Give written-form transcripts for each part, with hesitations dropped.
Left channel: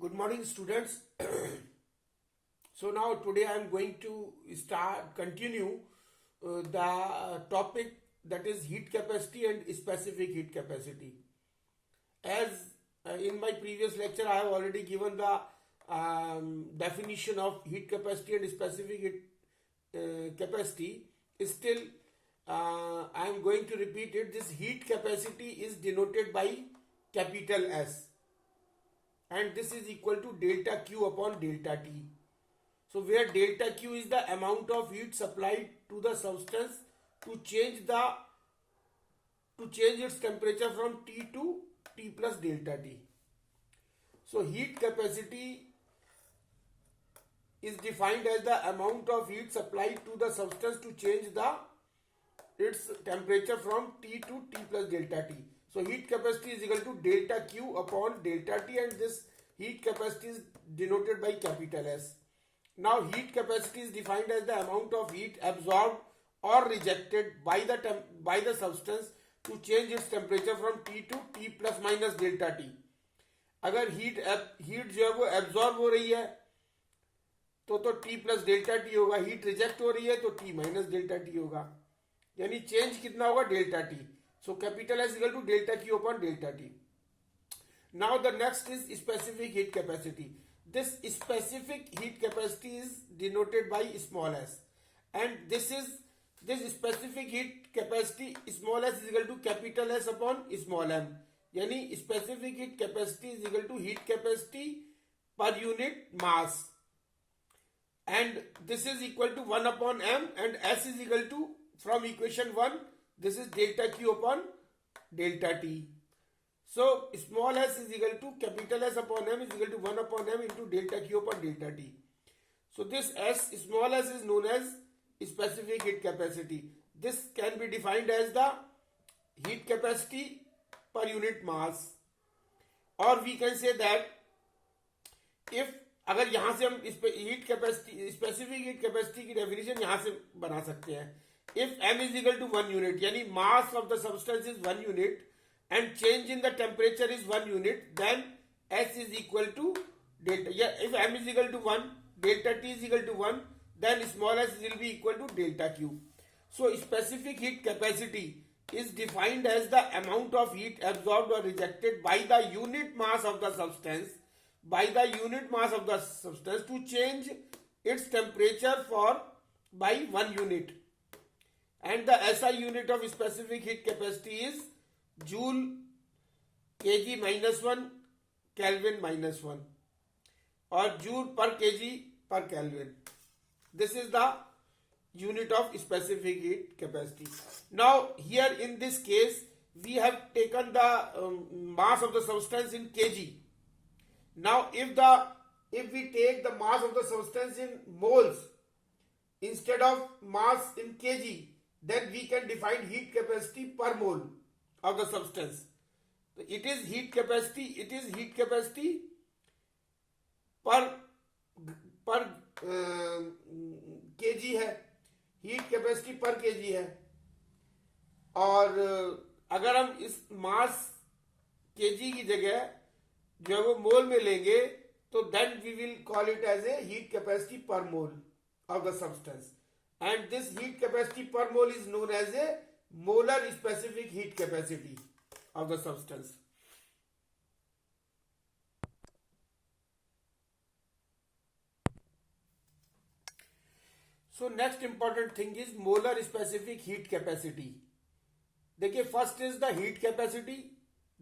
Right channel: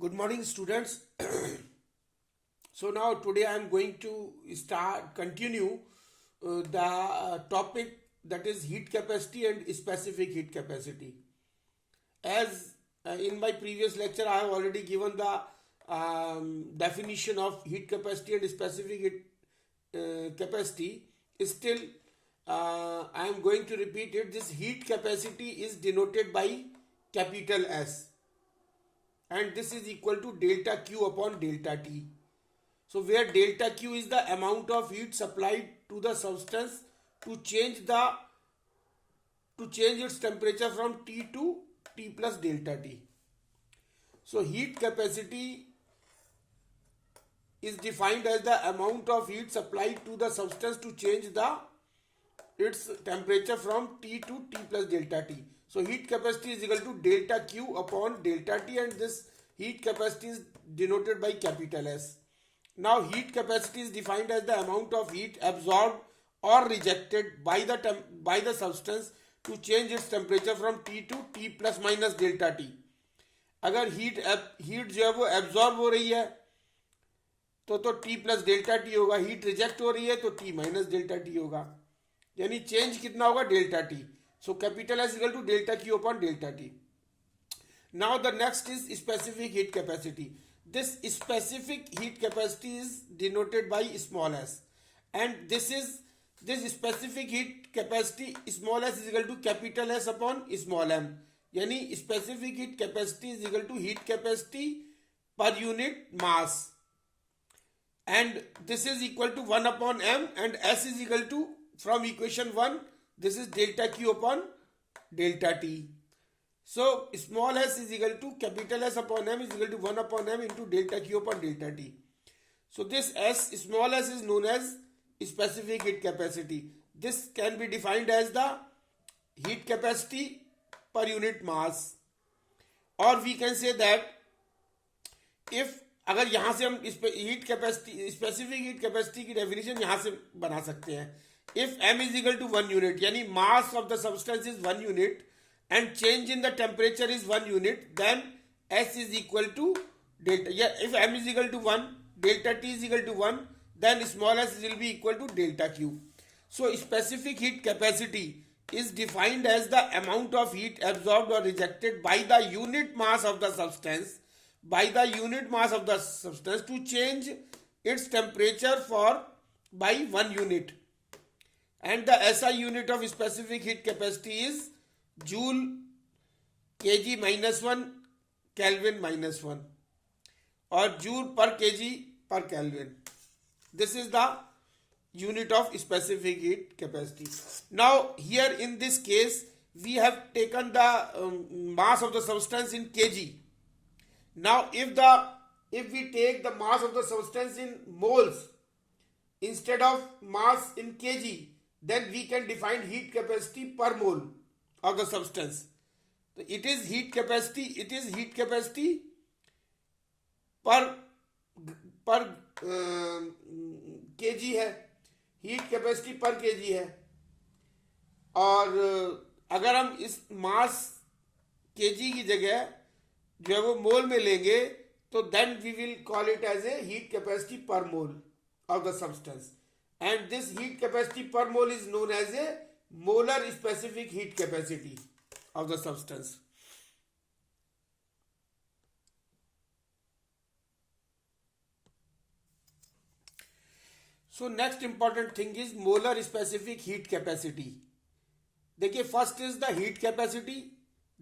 Good morning, students. So now today I am going to continue the topic, that is heat capacity and specific heat capacity. As in my previous lecture I have already given the definition of heat capacity and specific heat capacity. Still, I am going to repeat it. This heat capacity is denoted by capital S, and this is equal to delta Q upon delta T. So where delta Q is the amount of heat supplied to the substance to change its temperature from T to T plus delta T. So heat capacity is defined as the amount of heat supplied to the substance to change its temperature from T to T plus delta T. So heat capacity is equal to delta Q upon delta T, and this heat capacity is denoted by capital S. Now heat capacity is defined as the amount of heat absorbed or rejected by the substance to change its temperature from T to T plus minus delta T. अगर heat जो है वो absorb हो रही है तो T plus delta T होगा, heat reject हो रही है तो T माइनस डेल्टा टी होगा, यानी चेंज कितना होगा, delta T. So capital S equal to delta Q upon delta T. Now the next is specific heat capacity. This specific heat capacity is denoted by small s, and this specific heat capacity small s is equal to capital S upon small m. यानी specific heat capacity is equal to heat capacity per unit mass, and this is equal to 1 upon m, and s is equal to, from equation 1, this is delta q upon delta t. So small s is equal to capital S upon m is equal to 1 upon m into delta q upon delta t. So this small s is known as specific heat capacity. This can be defined as the heat capacity per unit mass, or we can say that if अगर यहाँ से हम heat capacity specific heat capacity की definition यहाँ से बना सकते हैं. If m is equal to 1 unit, यानी mass of the substance is 1 unit and change in the temperature is 1 unit, then S is equal to delta. Yeah, if m is equal to 1, delta T is equal to 1, then small s will be equal to delta Q. So specific heat capacity is defined as the amount of heat absorbed or rejected by the unit mass of the substance to change its temperature by 1 unit. And the SI unit of specific heat capacity is Joule kg minus 1 Kelvin minus 1, or Joule per kg per Kelvin. This is the unit of specific heat capacity. Now here in this case we have taken the mass of the substance in kg. Now if we take the mass of the substance in moles instead of mass in kg, then we can define heat capacity per mole of the substance. It is heat capacity per kg है, heat capacity पर kg है. और अगर हम इस मास kg की जगह जो है वो मोल में लेंगे तो then we will call it as a heat capacity per mole of the substance, and this heat capacity per mole is known as a molar specific heat capacity of the substance. So next important thing is molar specific heat capacity. देखिए first is the heat capacity,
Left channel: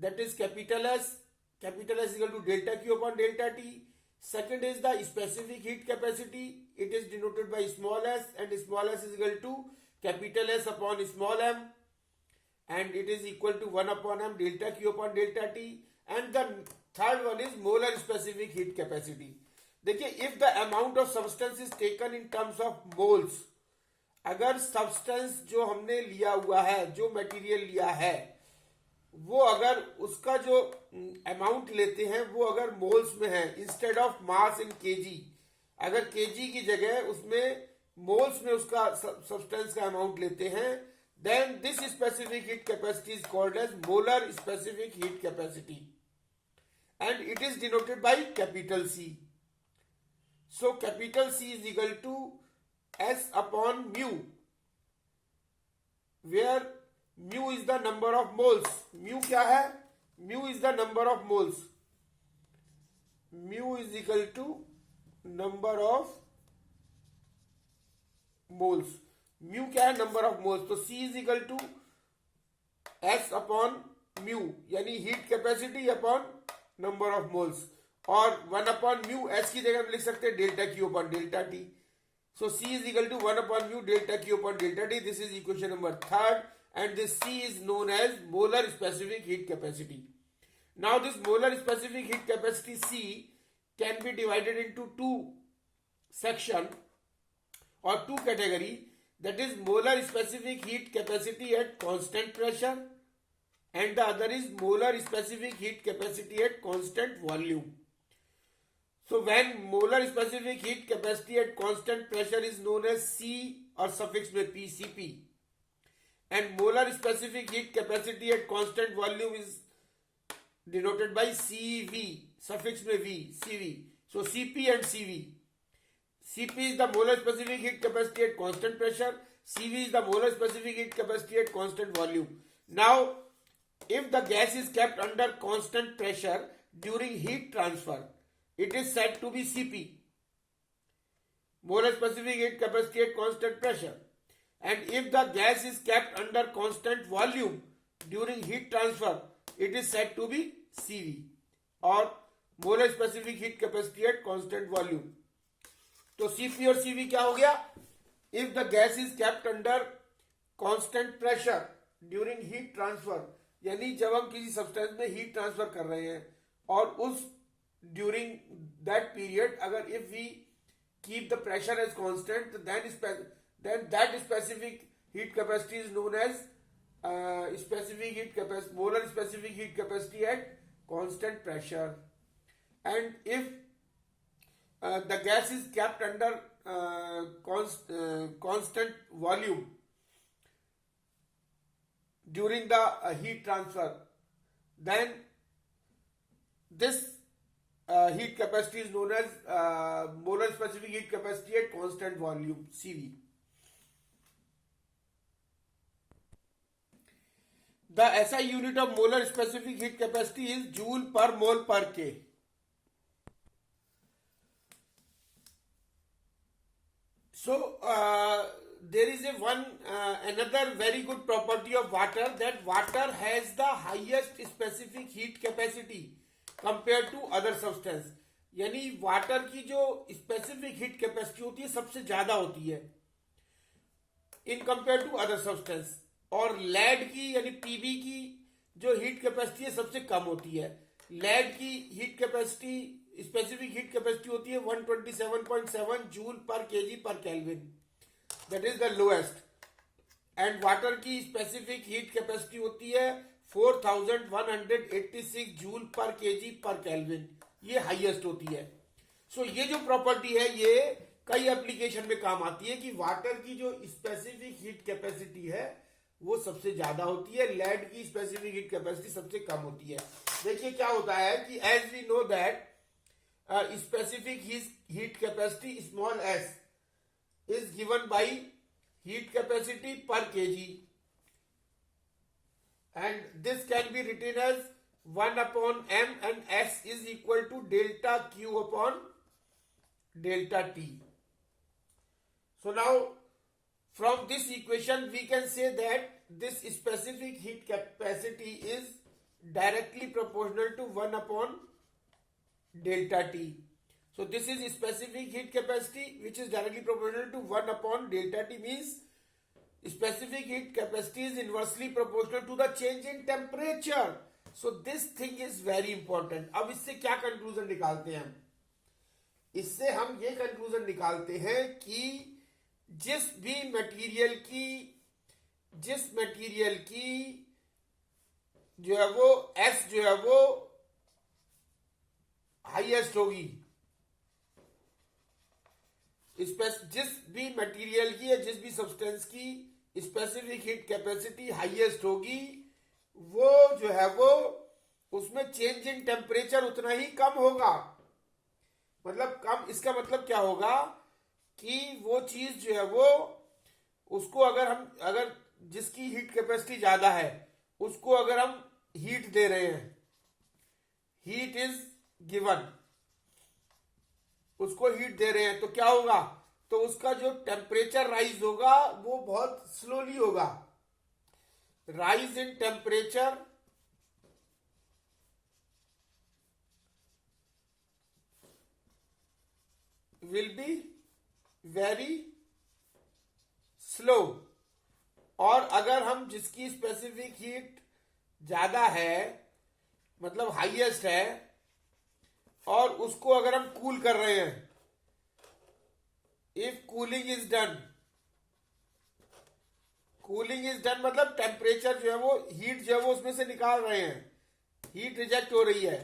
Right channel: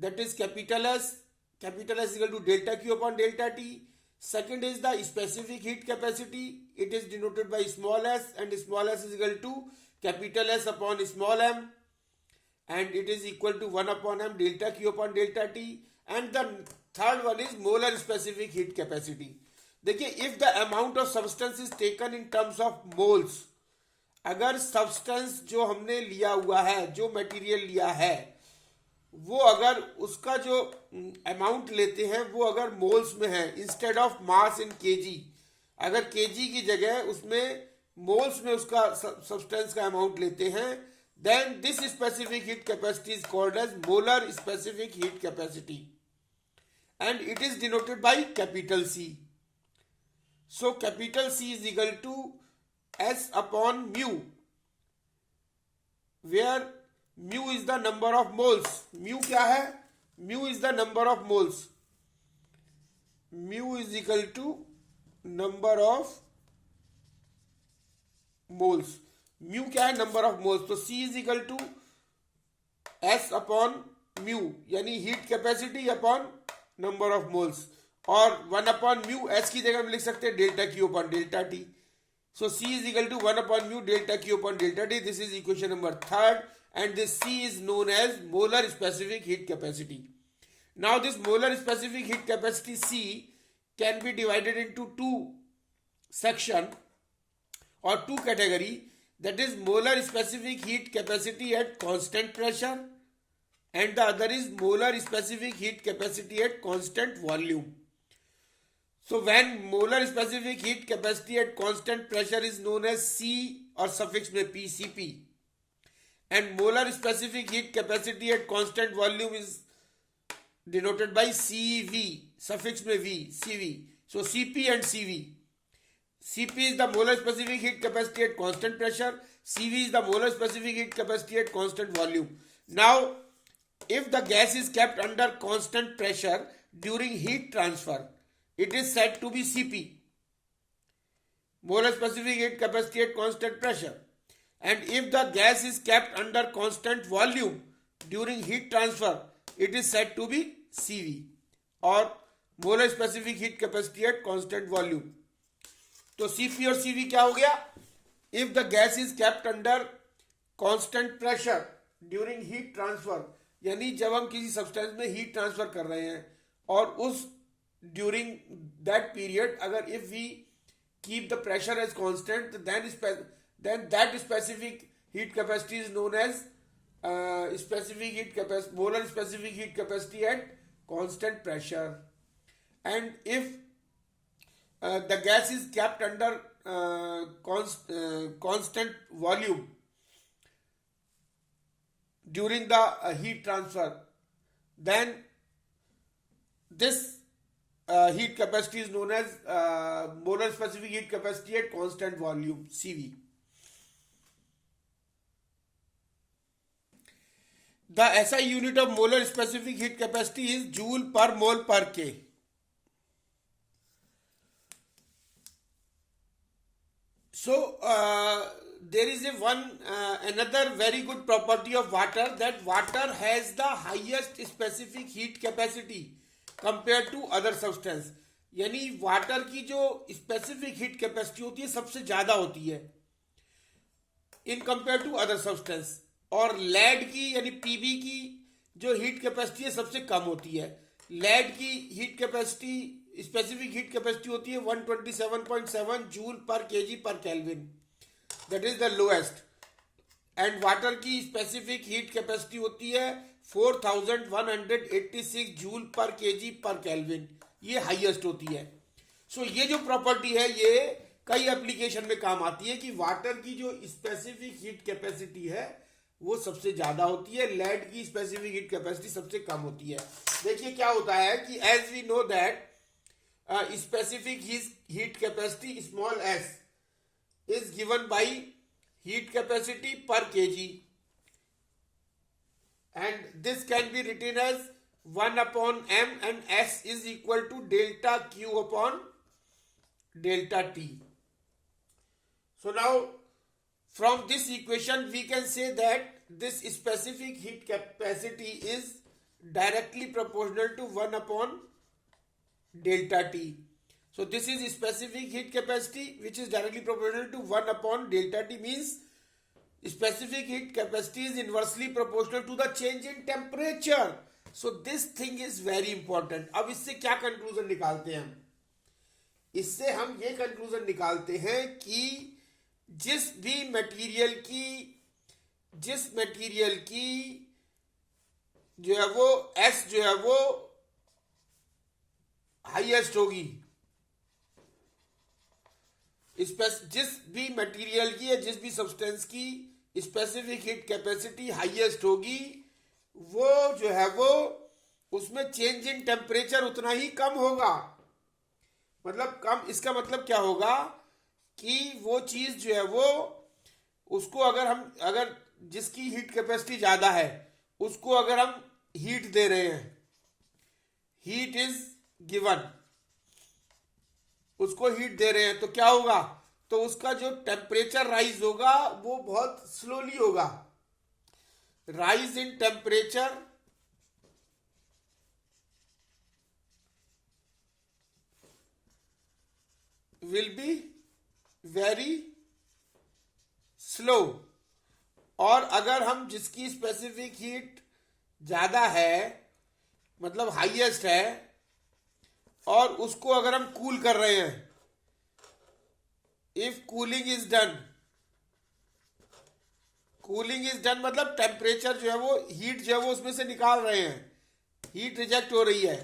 that is capital S equal to delta Q upon delta T. Second is the specific heat capacity. It is denoted by small s, and small s is equal to capital S upon small m, and it is equal to 1 upon m delta q upon delta t. And the third one is molar specific heat capacity. देखिए if the amount of substance is taken in terms of moles, अगर substance जो हमने लिया हुआ है, जो material लिया है, वो अगर उसका जो अमाउंट लेते हैं वो अगर मोल्स में है instead of mass in KG, अगर केजी की जगह उसमें मोल्स में उसका सब्सटेंस का अमाउंट लेते हैं, then this specific heat capacity is called as molar specific heat capacity. and it is denoted by capital C. So capital C is equal to S upon mu, where mu is the number of moles. Mu क्या है? Mu is the number of moles. Mu is equal to number of moles. Mu क्या है? Number of moles. तो C is equal to S upon mu, यानी heat capacity upon number of moles, और 1 upon mu S की जगह हम लिख सकते हैं delta Q upon delta T. So C is equal to 1 upon mu delta Q upon delta T. This is equation number 3rd, and this C is known as molar specific heat capacity. Now this molar specific heat capacity C can be divided into two section or two category, that is molar specific heat capacity at constant pressure and the other is molar specific heat capacity at constant volume. So when molar specific heat capacity at constant pressure is known as C or suffix में PCP, and molar specific heat capacity at constant volume is denoted by CV, suffix में V, CV. So CP and CV. CP is the molar specific heat capacity at constant pressure. CV is the molar specific heat capacity at constant volume. Now, if the gas is kept under constant pressure during heat transfer, it is said to be CP, molar specific heat capacity at constant pressure. And if the gas is kept under constant volume during heat transfer, it is said to be CV, or molar specific heat capacity at constant volume. तो CP और CV क्या हो गया? If the gas is kept under constant pressure during heat transfer, यानी जब हम किसी substance में हीट ट्रांसफर कर रहे हैं और उस ड्यूरिंग दैट पीरियड अगर if we keep the pressure as constant, then that specific heat capacity is known as specific heat capacity, molar specific heat capacity at constant pressure. And if the gas is kept under constant volume during the heat transfer, then this heat capacity is known as molar specific heat capacity at constant volume, CV. The SI unit of molar specific heat capacity is joule per mole per K. So there is another very good property of water, that water has the highest specific heat capacity compared to other substance. यानी water की जो specific heat capacity होती है सबसे ज्यादा होती है in compare to other substance, और लेड की यानी पीबी की जो हीट कैपेसिटी है सबसे कम होती है. लेड की heat capacity specific heat capacity होती है 127.7 जूल पर केजी पर kelvin, that is the lowest. And water की स्पेसिफिक हीट कैपेसिटी होती है 4186 जूल पर केजी पर केल्विन, ये हाईएस्ट होती है. सो ये जो प्रॉपर्टी है ये कई एप्लीकेशन में काम आती है कि वाटर की जो स्पेसिफिक हीट कैपेसिटी है वो सबसे ज्यादा होती है, लेड की स्पेसिफिक हीट कैपेसिटी सबसे कम होती है. देखिए क्या होता है कि as we know that specific heat capacity small s is given by heat capacity per kg, and this can be written as 1 upon m, and s is equal to delta q upon delta t. So now from this equation we can say that this specific heat capacity is directly proportional to 1 upon delta t. So this is specific heat capacity which is directly proportional to 1 upon delta t, means specific heat capacity is inversely proportional to the change in temperature. So this thing is very important. अब इससे क्या conclusion निकालते हैं हम? इससे हम ये conclusion निकालते हैं कि जिस मटेरियल की जो है वो S जो है वो हाईएस्ट होगी, जिस भी मटेरियल की या जिस भी सब्सटेंस की स्पेसिफिक हीट कैपेसिटी हाईएस्ट होगी वो जो है वो उसमें चेंज इन टेम्परेचर उतना ही कम होगा। मतलब कम, इसका मतलब क्या होगा कि वो चीज जो है वो, उसको अगर जिसकी हीट कैपेसिटी ज्यादा है उसको अगर हम हीट दे रहे हैं, हीट इज गिवन, उसको हीट दे रहे हैं, तो क्या होगा, तो उसका जो टेम्परेचर राइज होगा वो बहुत स्लोली होगा। Rise in temperature will be very slow. और अगर हम जिसकी स्पेसिफिक हीट ज्यादा है, मतलब हाईएस्ट है, और उसको अगर हम कूल कर रहे हैं, इफ कूलिंग इज डन मतलब टेम्परेचर जो है वो, हीट जो है वो उसमें से निकाल रहे हैं, हीट रिजेक्ट हो रही है,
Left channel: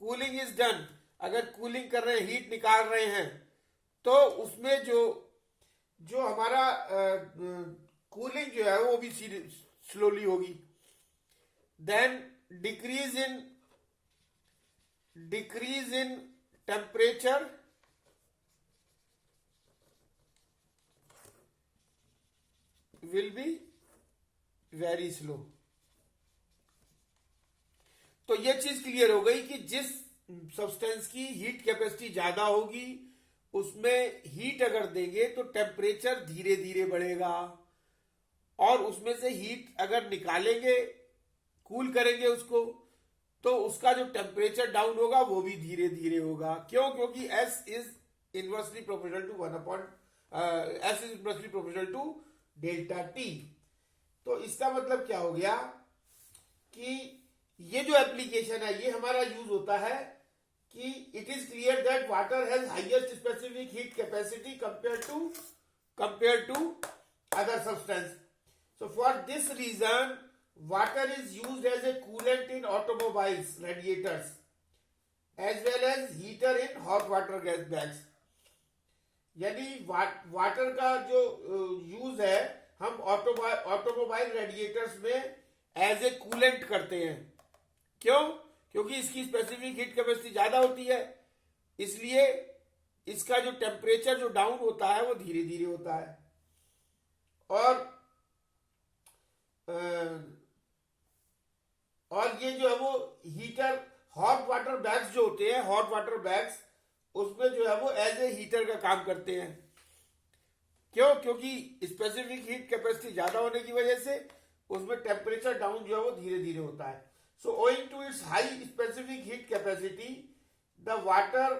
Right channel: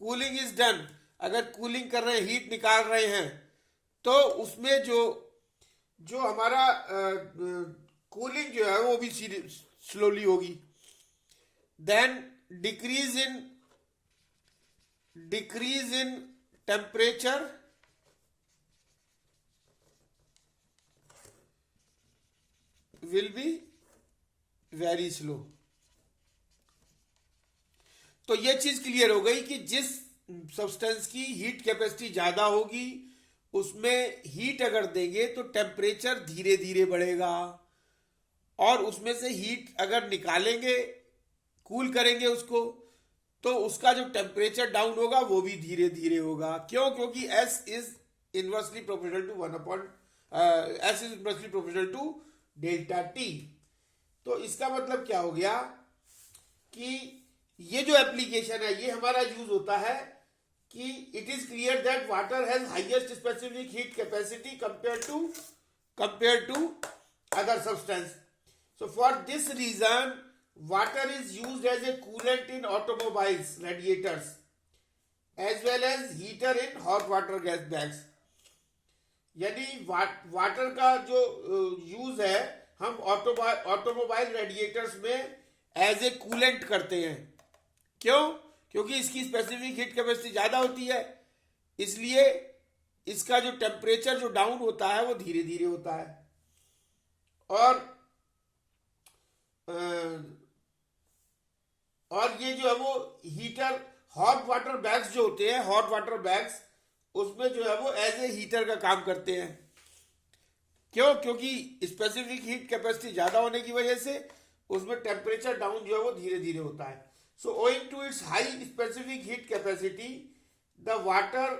कूलिंग इज डन, अगर कूलिंग कर रहे हैं, हीट निकाल रहे हैं, तो उसमें जो जो हमारा कूलिंग जो है वो भी स्लोली होगी। Then decrease in temperature will be very slow. तो ये चीज क्लियर हो गई कि जिस सब्सटेंस की हीट कैपेसिटी ज्यादा होगी उसमें हीट अगर देंगे तो टेम्परेचर धीरे धीरे बढ़ेगा, और उसमें से हीट अगर निकालेंगे, कूल करेंगे उसको, तो उसका जो टेम्परेचर डाउन होगा वो भी धीरे धीरे होगा। क्यों? क्योंकि S is inversely proportional to S is inversely proportional to delta T. तो इसका मतलब क्या हो गया कि ये जो एप्लीकेशन है ये हमारा यूज होता है कि it is clear that water has highest specific heat capacity compare to other substance. So for this reason, water is used as a coolant in automobiles radiators, as well as heater in hot water gas bags. यानी water का जो use है हम automobile radiators में as a coolant करते हैं। क्यों? क्योंकि इसकी स्पेसिफिक हीट कैपेसिटी ज्यादा होती है, इसलिए इसका जो टेम्परेचर जो डाउन होता है वो धीरे धीरे होता है। और ये जो है वो हीटर, हॉट वाटर बैग्स जो होते हैं, हॉट वाटर बैग्स, उसमें जो है वो एज ए हीटर का काम करते हैं। क्यों? क्योंकि स्पेसिफिक हीट कैपेसिटी ज्यादा होने की वजह से उसमें टेम्परेचर डाउन जो है वो धीरे धीरे होता है। So owing to its high specific heat capacity the water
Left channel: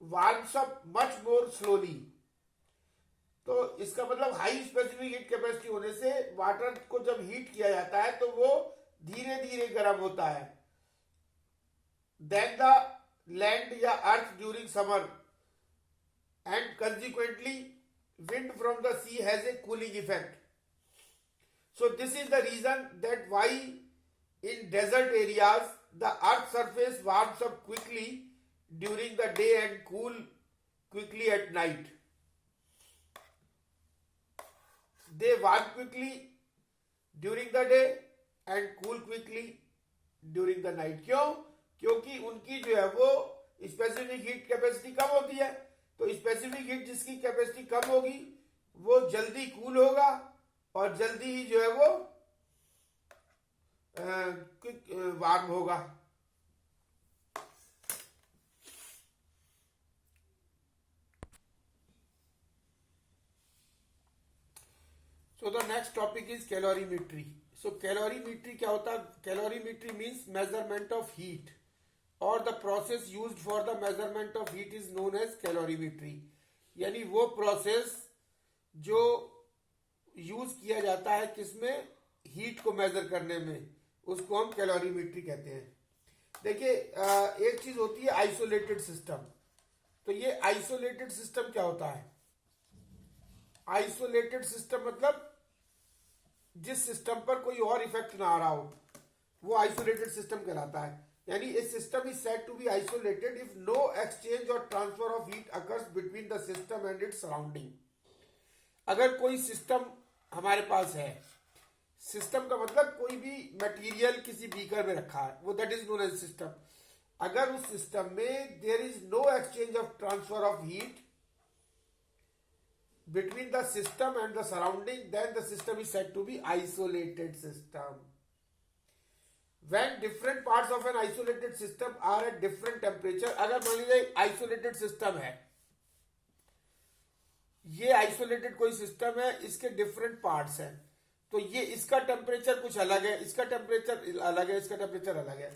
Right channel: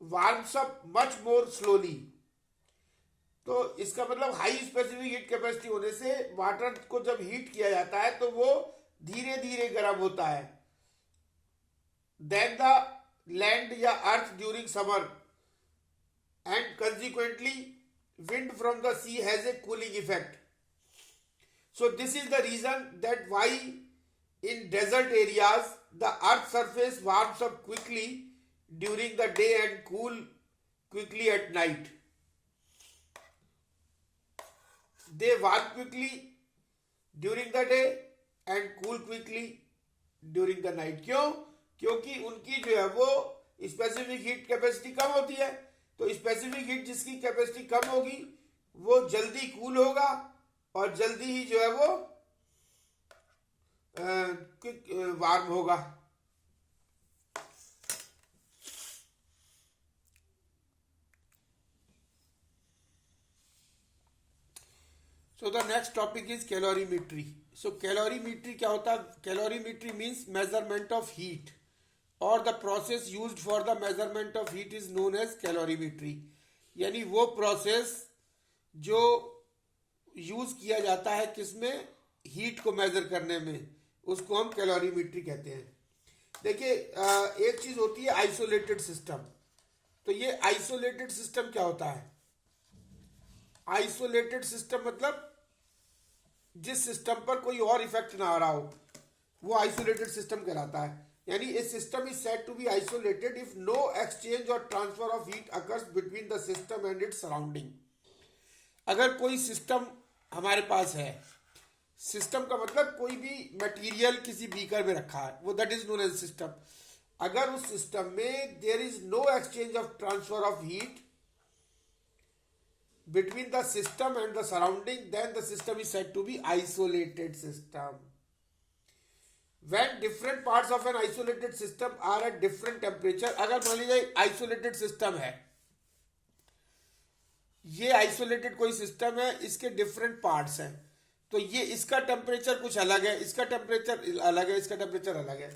warms up much more slowly. तो इसका मतलब हाई स्पेसिफिक हीट कैपेसिटी होने से वाटर को जब हीट किया जाता है तो वो धीरे धीरे गर्म होता है। देन द लैंड या earth during summer and consequently wind from the sea has a cooling effect. So this is the reason that why in desert areas the earth surface warms up quickly during the day and cool quickly at night. They warm quickly during the day and cool quickly during the night. क्यों? क्योंकि उनकी जो है वो specific heat capacity कम होती है। तो specific heat जिसकी कैपेसिटी कम होगी वो जल्दी कूल होगा और जल्दी ही जो है वो वार्म होगा। So the next topic is calorimetry. So calorimetry क्या होता है? Calorimetry means measurement of heat, और the process used for the measurement of heat is known as calorimetry. यानी वो प्रोसेस जो यूज किया जाता है किसमें? हीट को मेजर करने में, उसको हम कैलोरीमेट्री कहते हैं। देखिए एक चीज होती है आइसोलेटेड सिस्टम। तो ये आइसोलेटेड सिस्टम क्या होता है? आइसोलेटेड सिस्टम मतलब जिस सिस्टम पर कोई और इफेक्ट ना आ रहा हो वो आइसोलेटेड सिस्टम कहलाता है। यानी a system is said to be isolated if no exchange or transfer of heat occurs between the system and its surrounding. अगर कोई सिस्टम हमारे पास है, सिस्टम का मतलब कोई भी मटेरियल किसी बीकर में रखा है, वो that is known as system. अगर उस सिस्टम में there is no exchange of transfer of heat between the system and the surrounding, then the system is said to be isolated system. When different parts of an isolated system are at different temperature, अगर मान लीजिए isolated system है, ये isolated कोई system है, इसके different parts हैं, तो ये इसका टेम्परेचर कुछ अलग है, इसका टेम्परेचर अलग है, इसका टेम्परेचर अलग है,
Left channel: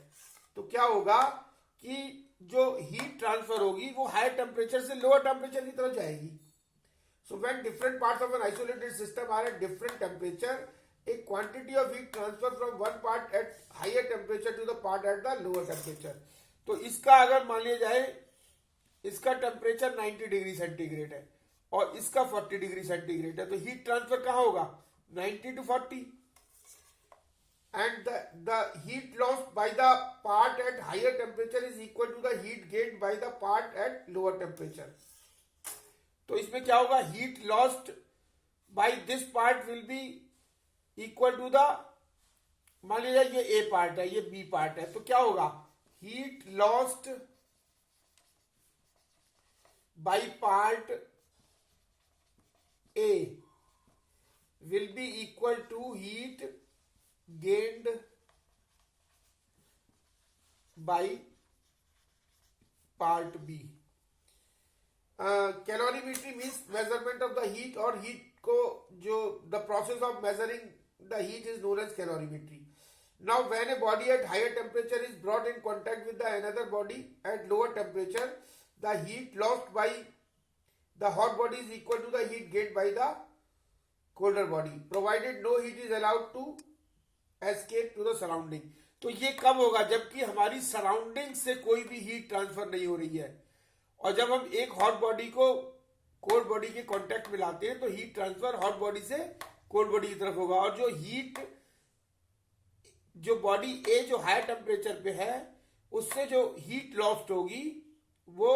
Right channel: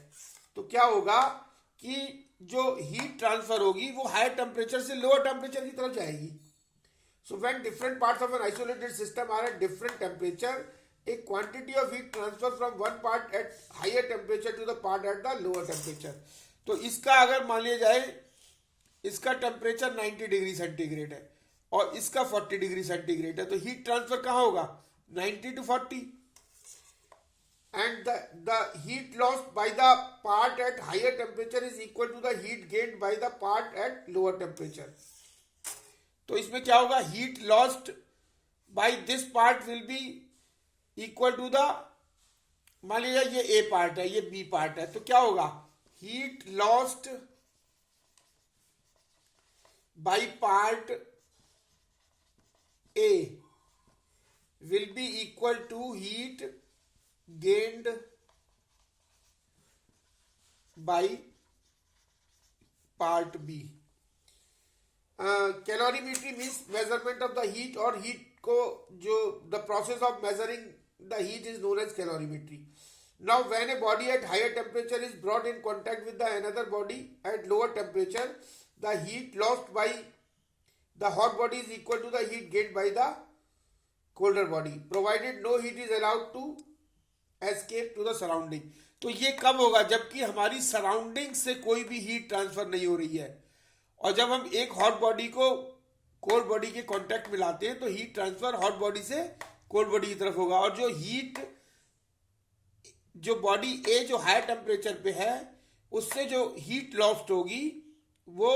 तो क्या होगा कि जो हीट ट्रांसफर होगी वो हायर टेम्परेचर से लोअर टेम्परेचर की तरफ जाएगी। So when different parts of an isolated system are at different temperature, a quantity of heat transfer from one part at higher temperature to the part at the lower temperature। तो इसका अगर मान लिया जाए इसका टेम्परेचर 90 डिग्री सेंटीग्रेड है और इसका 40 डिग्री सेंटीग्रेड है, तो हीट ट्रांसफर कहाँ होगा 90 to 40, and the heat lost by the part at higher temperature is equal to the heat gained by the part at lower temperature। तो इसमें क्या होगा, heat lost by this part will be equal to the, मान लीजिए ये ए part है, ये B part है, तो क्या होगा, heat lost by part A will be equal to heat gained by part B. Calorimetry means measurement of the heat, और हीट को जो the process of measuring the heat is known as calorimetry। Now when a body at higher temperature is brought in contact with the another body at lower temperature, the heat lost by the hot body is equal to the heat gained by the colder body, provided no heat is allowed to escape to the surrounding। तो ये कब होगा, जबकि हमारी surrounding से कोई भी heat transfer नहीं हो रही है, और जब हम एक हॉट बॉडी को कोल्ड बॉडी के कांटेक्ट में लाते हैं तो हीट ट्रांसफर हॉट बॉडी से कोल्ड बॉडी की तरफ होगा, और जो हीट जो बॉडी ए जो हायर टेम्परेचर पे है उससे जो हीट लॉस्ट होगी वो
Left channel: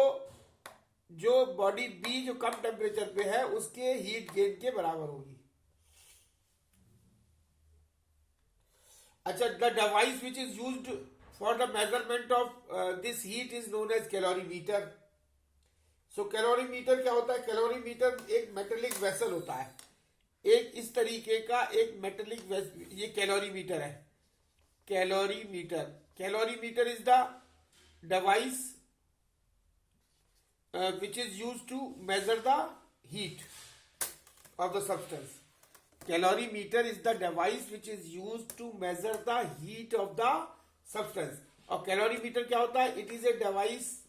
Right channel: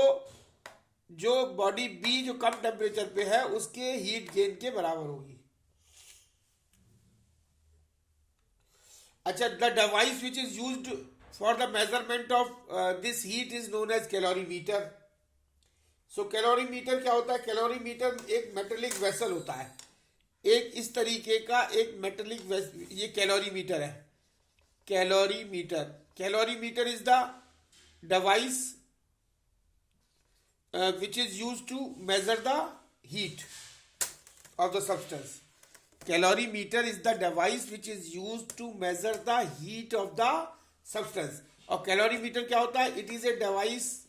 जो बॉडी बी जो कम टेम्परेचर पे है उसके हीट गेन के बराबर होगी। अच्छा, the device which is used for the measurement of this heat is known as calorimeter. So calorimeter क्या होता है, कैलोरीमीटर एक मेटेलिक वेसल होता है, एक इस तरीके का एक मेटेलिक वेसल, ये कैलोरीमीटर है। Calorimeter is the device which is used to measure the heat of the substance। Calorimeter is the device which is used to measure the heat of the substance। और calorimeter क्या होता है, it is a device,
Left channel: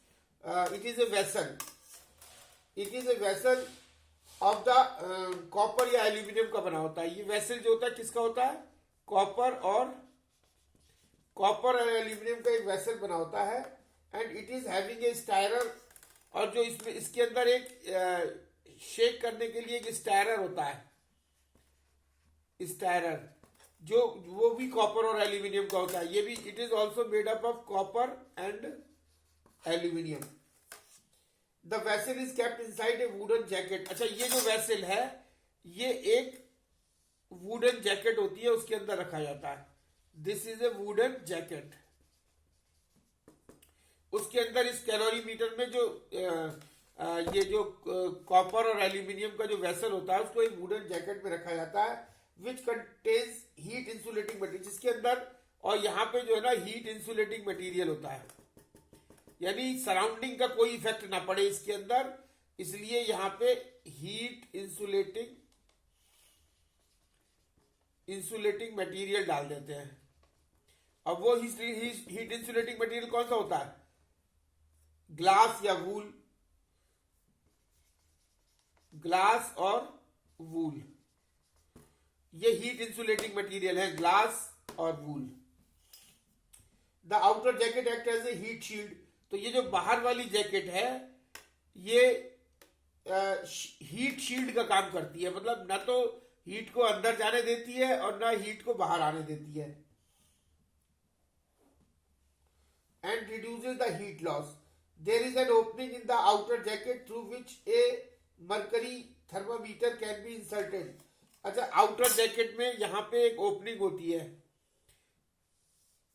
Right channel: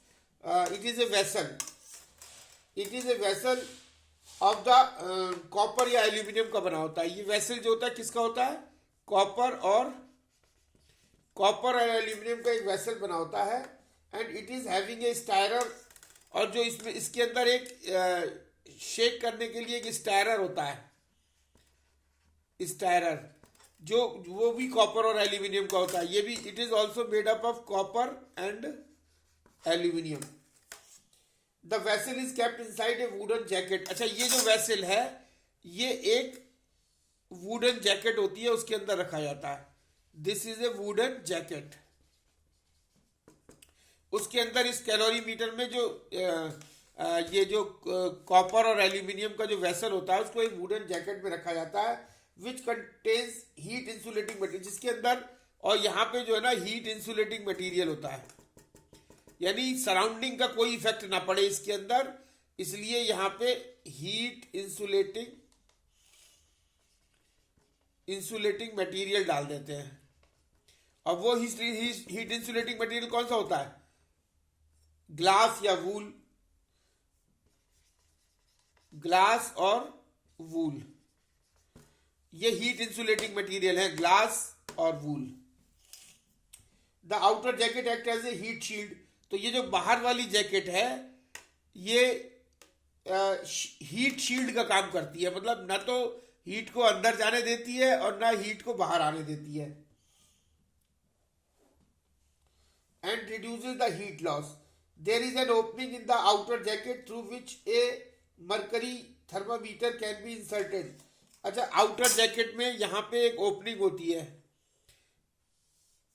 it is a vessel of the copper या aluminium का बना होता है। ये vessel जो होता है किसका होता है, कॉपर और एल्यूमिनियम का एक वेसल बना होता है, and it is having a stirrer, और जो इसमें इसके अंदर एक शेक करने के लिए एक स्टायरर होता है, स्टायरर जो वो भी कॉपर और एल्यूमिनियम का होता है, ये भी it is also made up of copper and aluminium. The vessel is kept inside a wooden jacket. अच्छा, ये जो वेसल है ये एक वुडन जैकेट होती है, उसके अंदर रखा जाता है। This is a wooden jacket. उसके अंदर इस कैलोरीमीटर में जो ये जो कॉपर और एल्यूमिनियम का जो वेसल होता है उसको एक वुडन जैकेट में रखा जाता है, which contains heat insulating material, जिसके अंदर और यहाँ पे जो है ना हीट इंसुलेटिंग मटेरियल होता है, यानी सराउंडिंग का कोई इफेक्ट ना पड़े इसके अंदर, इसलिए यहाँ पे हीट इंसुलेटिंग मटेरियल डाल देते हैं। अब वो हीट इंसुलेटिंग मटेरियल कौन सा होता है, ग्लास या वूल, ग्लास और वूल, ये हीट इंसुलेटिंग मटेरियल है, ग्लास और wool. The outer jacket act as a heat shield. तो ये जो बाहर वाली जैकेट है ये हीट शील्ड का काम करती है, मतलब ना तो हीट को अंदर जाने देती है और ना हीट को बाहर आने देती है, and reduces the heat loss. There is an opening in the outer jacket through which a mercury thermometer can be inserted। अच्छा, आउटर जैकेट में यहाँ पे एक ओपनिंग होती है,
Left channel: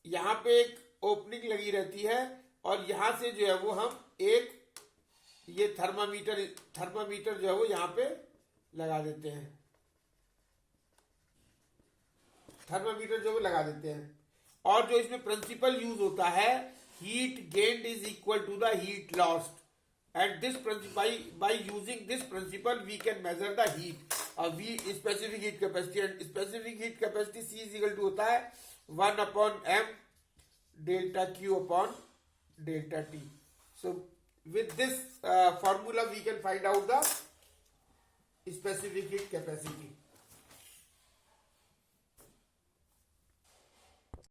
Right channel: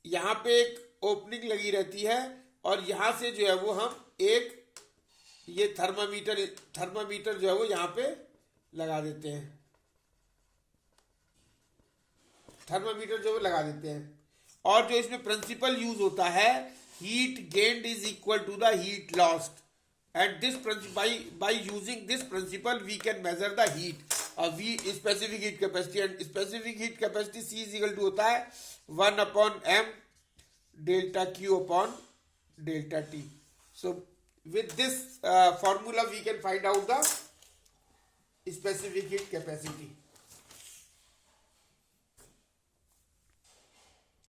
यहाँ पे एक ओपनिंग लगी रहती है, और यहाँ से जो है वो हम एक ये थर्मामीटर जो है वो यहाँ पे लगा देते हैं, थर्मामीटर जो है वो लगा देते हैं। और जो इसमें प्रिंसिपल यूज होता है, heat gained is equal to the heat lost, and this by using this principle we can measure the heat, v specific heat capacity, and specific heat capacity C is equal to होता है 1/m delta Q upon delta T. So with this formula we can find out the specific heat capacity.